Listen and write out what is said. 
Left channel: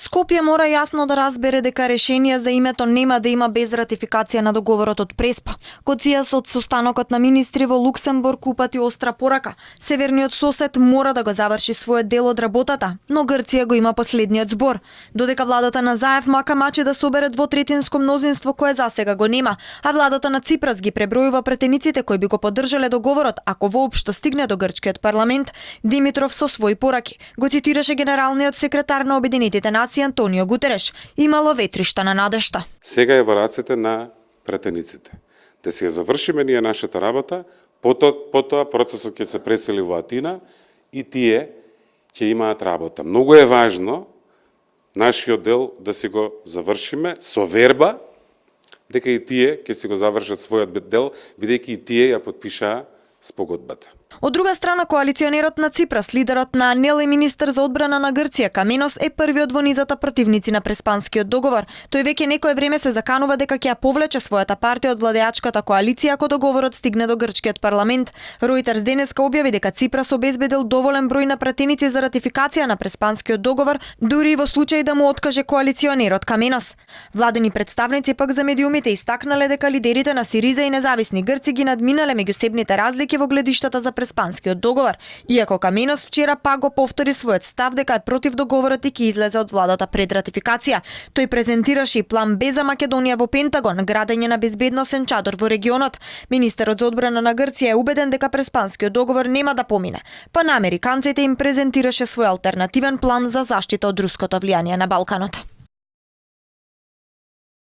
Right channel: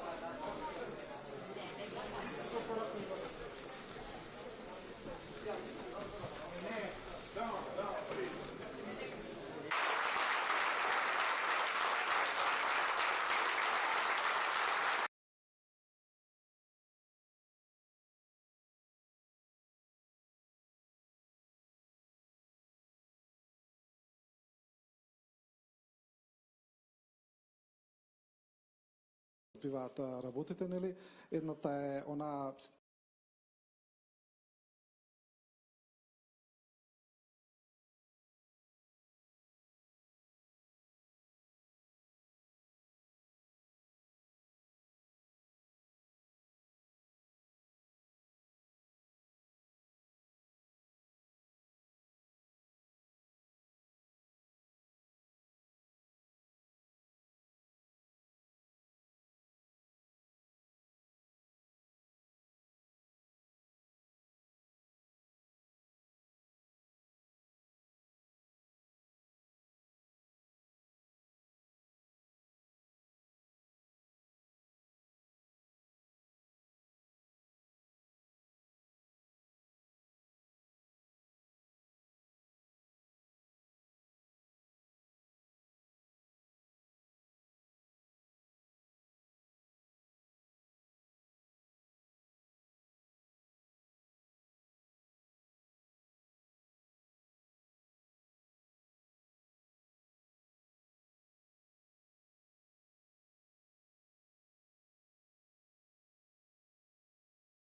Скопје мора јасно да разбере дека решение за името нема да има без ратификација на договорот од Преспа. Коцијас од состанокот на министри во Луксембург упати остра порака. Северниот сосед мора да го заврши својот дел од работата, но Грција го има последниот збор. Додека владата на Заев мака мачи да собере двотретинско мнозинство кое засега го нема, а владата на Ципрас ги пребројува претениците кои би го поддржале договорот ако воопшто стигне до грчкиот парламент, Димитров со своји пораки го цитираше генералниот секретар на Обединетите нации Антонио Гутереш. Имало ветришта на надежта. Сега е во рацете на претениците. Да си ја завршиме ние нашата работа, потоа процесот ќе се пресели во Атина и тие ќе имаат работа. Многу е важно нашиот дел да си го завршиме со верба дека и тие ќе си го завршат својот дел, бидејќи и тие ја подпишаа спогодбата. Од друга страна, коалиционерот на Ципрас, лидерот на АНЕЛ и министер за одбрана на Грција, Каменос, е првиот во низата противници на Преспанскиот договор. Тој веќе некое време се заканува дека ќе ја повлече својата партија од владеачката коалиција ако договорот стигне до грчкиот парламент. Ројтерс денеска објави дека Ципрас обезбедил доволен број на пратеници за ратификација на Преспанскиот договор, дури и во случај да му откаже коалиционерот Каменос. Владени представници пак за медиумите истакнале дека лидерите на Сириза и независни грци ги надминале меѓусебните разлики во гледиштата за Преспанскиот договор, иако Каменос вчера пак го повтори својот став дека е против договорот и ќе излезе од владата пред ратификација. Тој презентираше и план Б за Македонија во Пентагон, градење на безбедносен чадор во регионот. Министерот за одбрана на Грција е убеден дека Преспанскиот договор нема да помине, па на американците им презентираше свој алтернативен план за заштита од руското влијание на Балканот.